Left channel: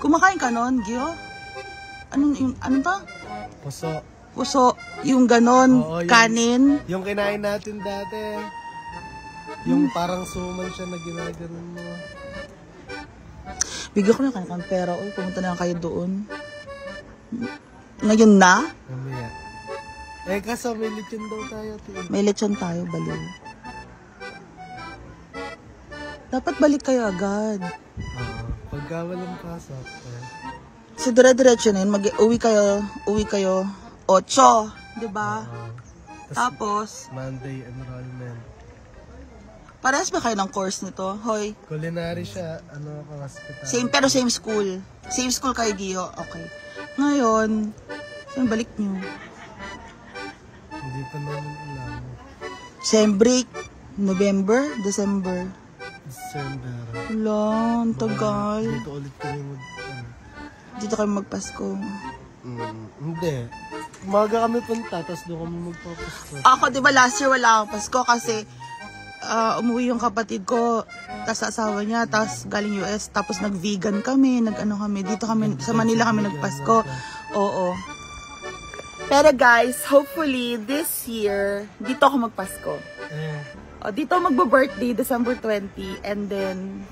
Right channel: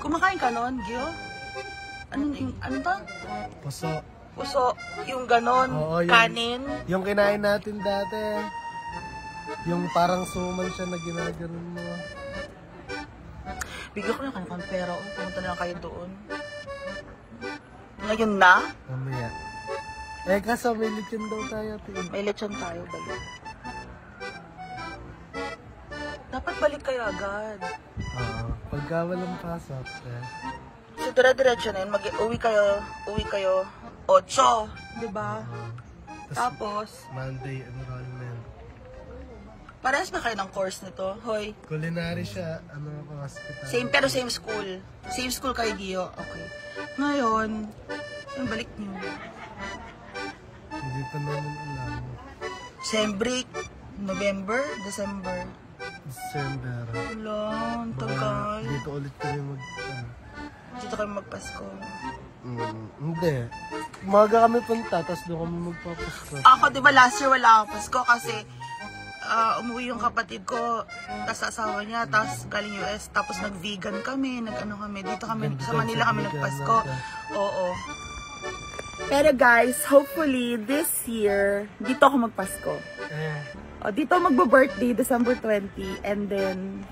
Kumakain ka nun, Gio? Ano to? Puso. Puso, yung ganon, oo, kanin. Yung kinain natin dati. Yung parang suman siya na ginaganon mo. Bigyan ko na kang pera. O, pumunta na lang kayo doon. Ngayon na? Mamaya. Eh, kaso may lechon daw tayo. May lechon tayo, balik. Dapat balik kayo agad. Oo. Pagka walang pasok. So, dire-diretso nun, uwi kayo 8, diba? Tapos, Monday, ano rin na. parehas ba kayo ng course nito? Hoy. Culinary siya, ano ako, hospital. Same, pero same school. Same school kayo, Gio. Okay. Ngayon, saan balik nyo? Hindi pa namin alam. Same break, November, December. December. Wala, ang tagal. Dito ulit kami Dito kami magpasko. Hindi. Umaga kami punta, tapos doon kami magpapasko. Ako, di ba last year wala akong Pasko kasi umuwi yung kapatid ko, tapos asawa niya, tapos galing US, tapos nag-vegan kami, nag-ano kami, dito kami, sa Manila kami nagpasko. Oo. Pero guys, hopefully this year, dito ako magpasko. Dito magbo-birthday, December 20, and then